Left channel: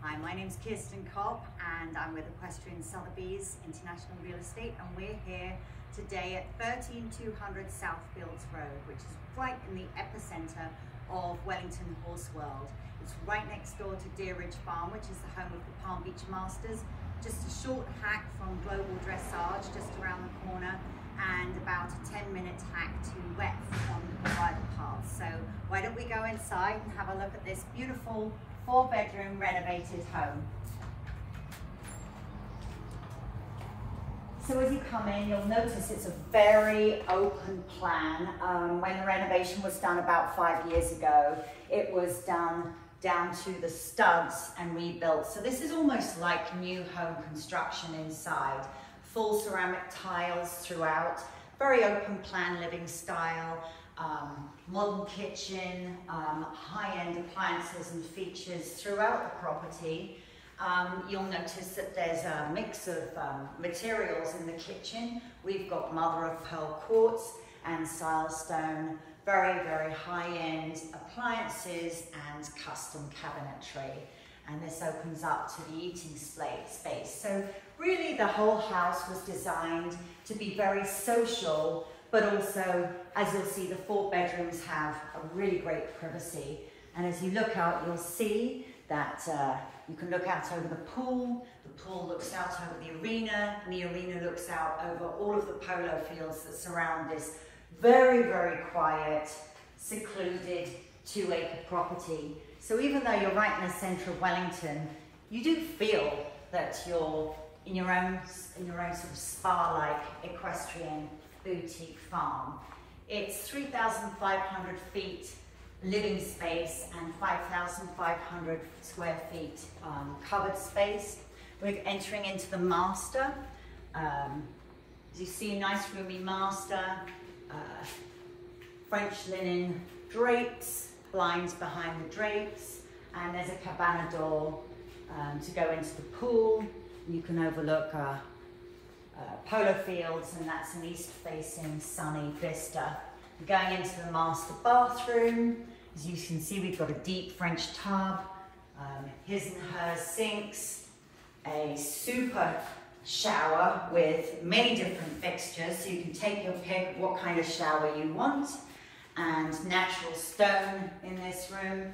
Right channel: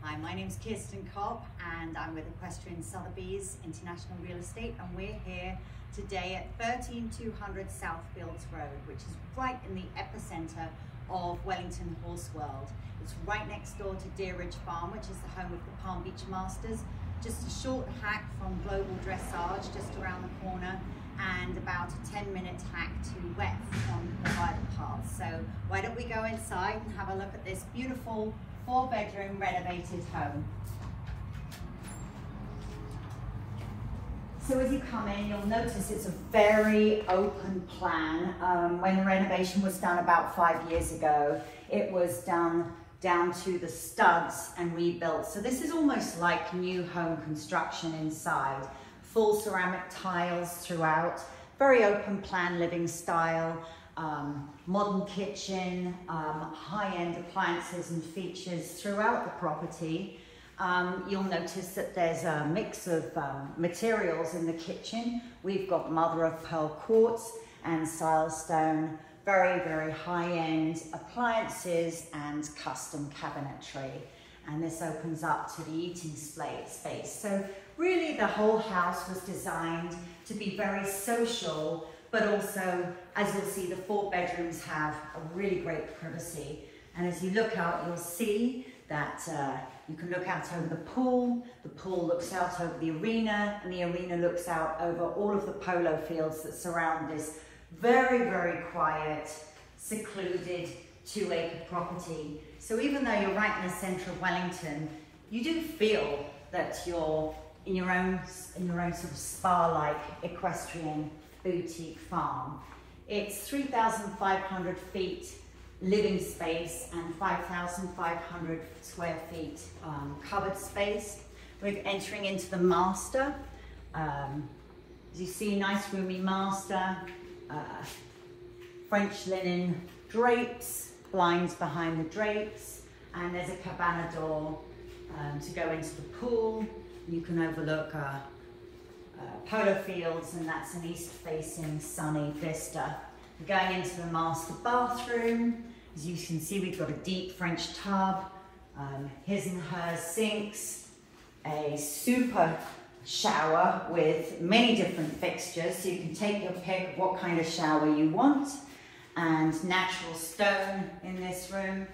Hi, my name's Kirsten Kopp and I'm with Equestrian Sotheby's International Real Estate, and we're here today at 13200 Southfields Road, which is right in the epicenter of Wellington Horse World. It's right next door to Deer Ridge Farm, which is the home of the Palm Beach Masters. Just a short hack from Global Dressage, just around the corner, and about a 10-minute hack to Weth on the bridle path. So why don't we go inside and have a look at this beautiful 4-bedroom renovated home. So as you come in, you'll notice it's a very open plan. When the renovation was done about 5 years ago, it was done down to the studs and rebuilt. So this is almost like new home construction inside. Full ceramic tiles throughout, very open plan living style, modern kitchen, high-end appliances and features throughout the property. You'll notice that there's a mix of materials in the kitchen. We've got mother-of-pearl quartz and silestone, very, very high-end appliances and custom cabinetry. And this opens up to the eating space. So really the whole house was designed to be very social, but also, as you'll see, the 4 bedrooms have a really great privacy. And as you look out, you'll see that you can look out over the pool looks out over the arena, and the arena looks out over all of the polo fields that surround this very, very quiet, secluded 2-acre property. So even though you're right in the center of Wellington, you do feel that you're in your own sort of spa-like equestrian boutique farm. It's 3,500 feet living space and 5,500 square feet covered space. We're entering into the master. As you see, nice roomy master, French linen drapes, blinds behind the drapes, and there's a cabana door to go into the pool. You can overlook polo fields, and that's an east-facing sunny vista. We're going into the master bathroom. As you can see, we've got a deep French tub, his and hers sinks, a super shower with many different fixtures, so you can take your pick of what kind of shower you want, and natural stone in this room.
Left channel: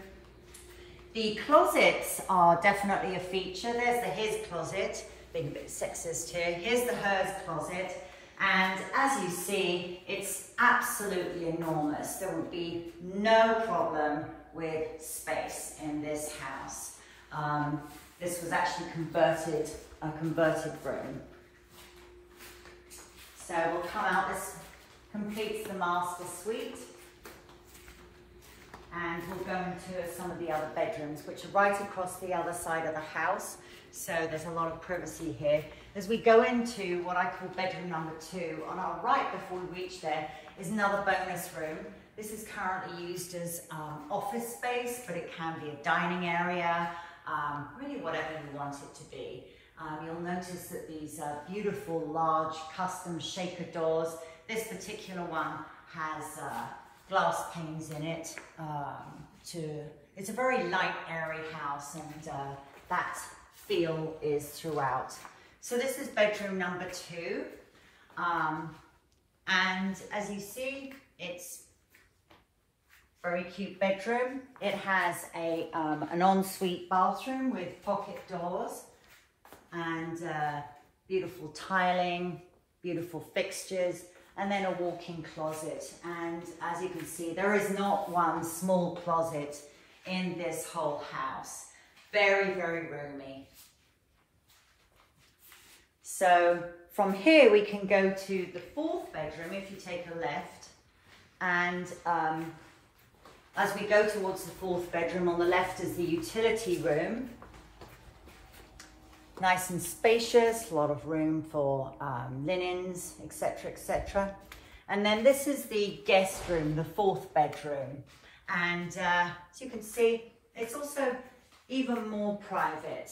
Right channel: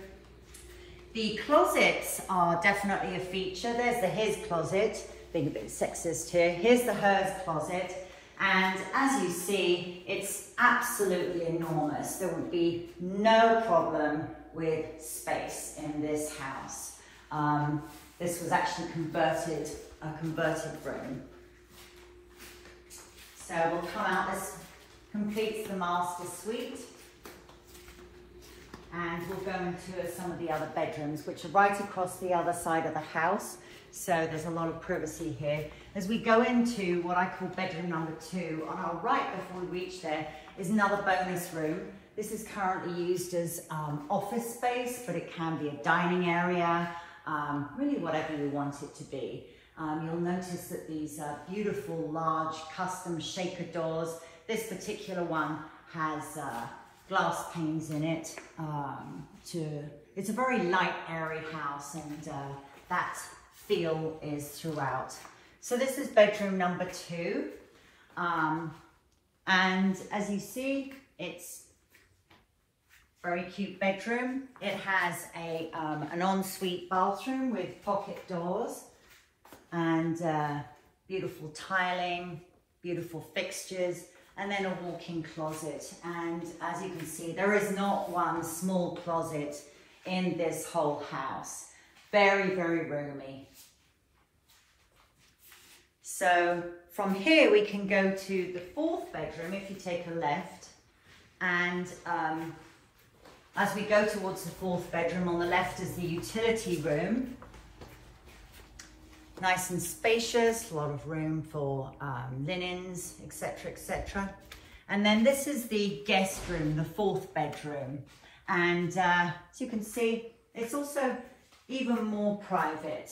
The closets are definitely a feature. There's the his closet, being a bit sexist here. Here's the hers closet, and as you see, it's absolutely enormous. There would be no problem with space in this house. This was actually a converted room. So we'll come out, this completes the master suite. And we'll go into some of the other bedrooms, which are right across the other side of the house. So there's a lot of privacy here. As we go into what I call bedroom number 2, on our right before we reach there is another bonus room. This is currently used as office space, but it can be a dining area, really whatever you want it to be. You'll notice that these are beautiful, large, custom shaker doors. This particular one has glass panes in it. It's a very light, airy house, and that feel is throughout. So this is bedroom number 2, and as you see, it's a very cute bedroom. It has an ensuite bathroom with pocket doors and beautiful tiling, beautiful fixtures, and then a walk-in closet. And as you can see, there is not one small closet in this whole house. Very, very roomy. So from here we can go to the 4th bedroom if you take a left, and as we go towards the 4th bedroom, on the left is the utility room. Nice and spacious, a lot of room for linens, etc., etc. And then this is the guest room, the 4th bedroom. And as you can see, it's also even more private.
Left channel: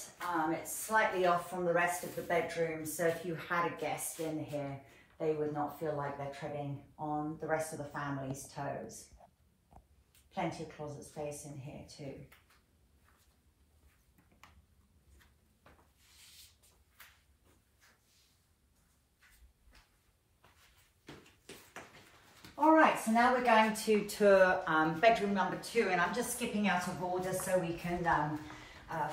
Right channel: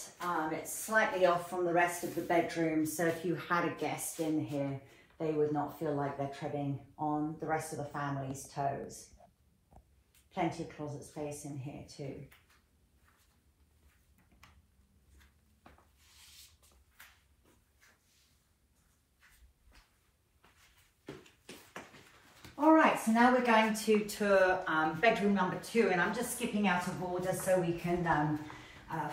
It's slightly off from the rest of the bedrooms, so if you had a guest in here, they would not feel like they're treading on the rest of the family's toes. Plenty of closet space in here too. so now we're going to tour bedroom number 2, and I'm just skipping out of order so we can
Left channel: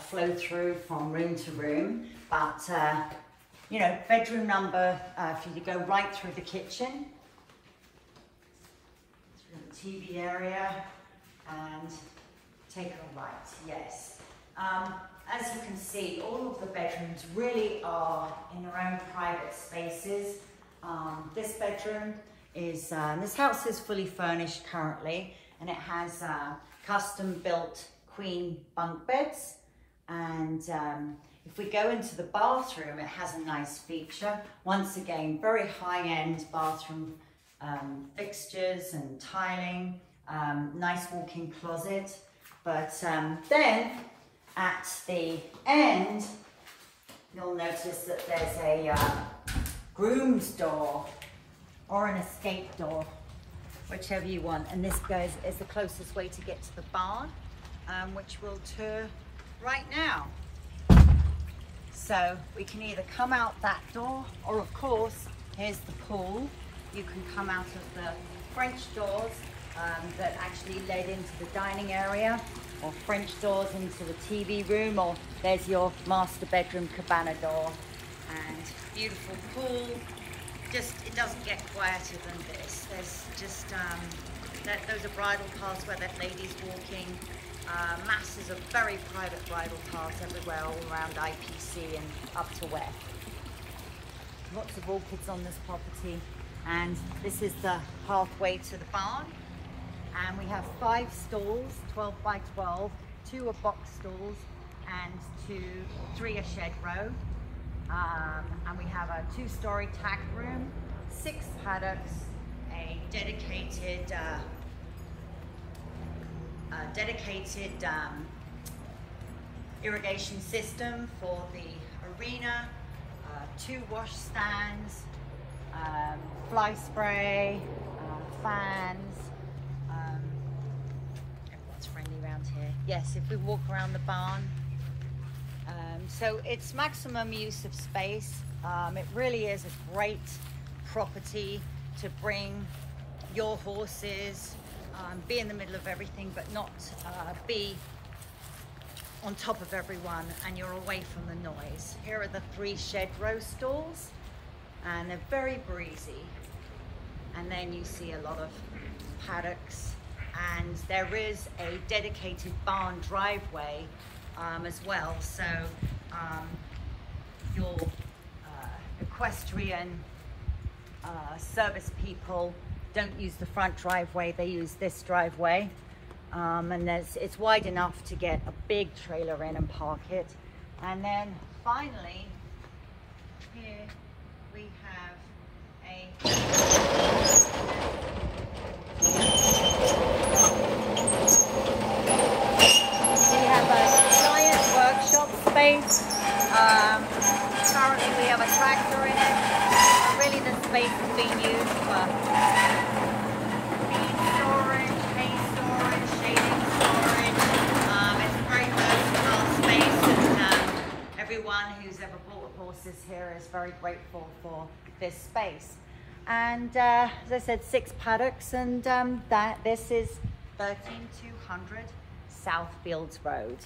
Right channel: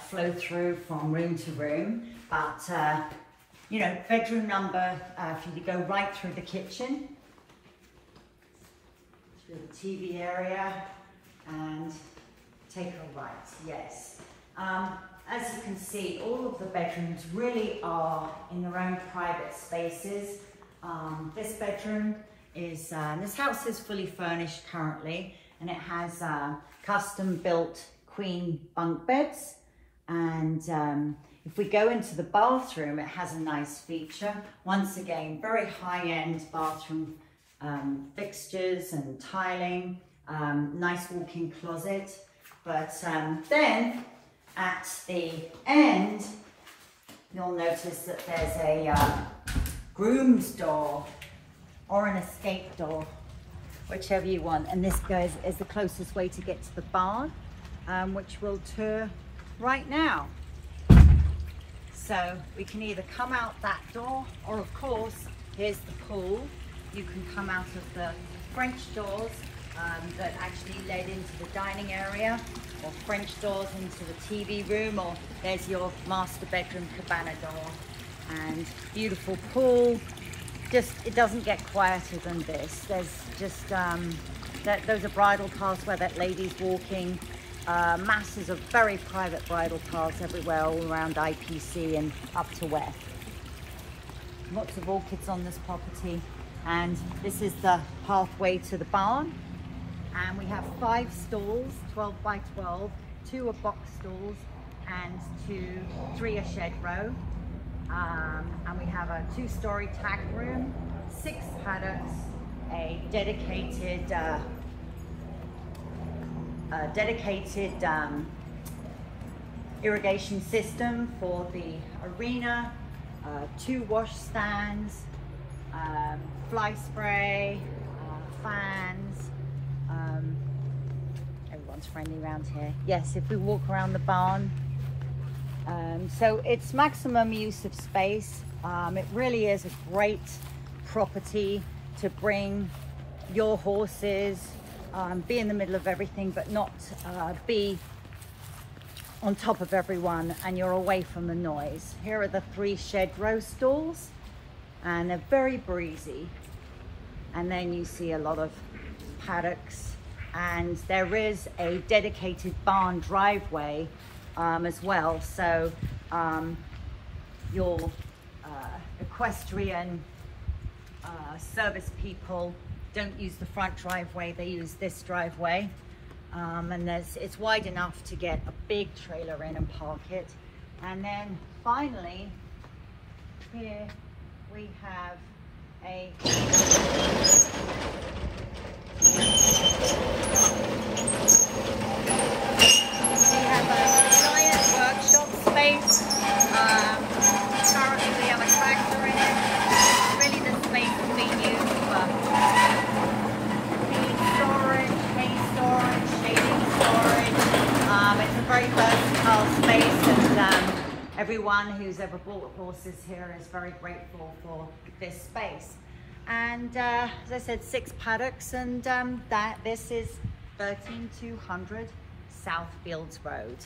flow through from room to room. But you know, bedroom number, if you go right through the kitchen, through the TV area, and take a right, yes. As you can see, all of the bedrooms really are in their own private spaces. This bedroom is, this house is fully furnished currently, and it has custom built queen bunk beds. And if we go into the bathroom, it has a nice feature. Once again, very high-end bathroom fixtures and tiling, nice walk-in closet. But then at the end, you'll notice that there's a groom's door or an escape door, whichever you want. And this goes is the closest way to get to the barn, which we'll tour right now. So we can either come out that door, or of course, here's the pool. You can come out of the French doors that actually led into the dining area, or French doors into the TV room, or there's your master bedroom cabana door. And beautiful pool. Just, it doesn't get quieter than this. There's just, those are bridal paths where that lady's walking. Masses of very private bridal paths everywhere, all around IPC and up to west. Lots of orchids on this property. And this is the pathway to the barn. And we have 5 stalls, 12 by 12, 2 are box stalls, and 3 a shed row. And we have a 2-story tack room, 6 paddocks, a dedicated irrigation system for the arena, 2 wash stands, fly spray, fans. Everyone's friendly around here. Yes, if we walk around the barn. So it's maximum use of space. It really is a great property to bring your horses, be in the middle of everything, but not be on top of everyone, and you're away from the noise. Here are the 3 shed row stalls, and they're very breezy. And then you see a lot of paddocks, and there is a dedicated barn driveway as well. So your equestrian service people don't use the front driveway, they use this driveway. And it's wide enough to get a big trailer in and park it. And then finally, here we have a giant workshop space. Currently we have a tractor in. Really, this space is being used for feed storage, hay storage, shading storage. It's a very versatile space, and everyone who's ever bought horses here is very grateful for this space. And as I said, 6 paddocks, and this is 13200 Southfields Road.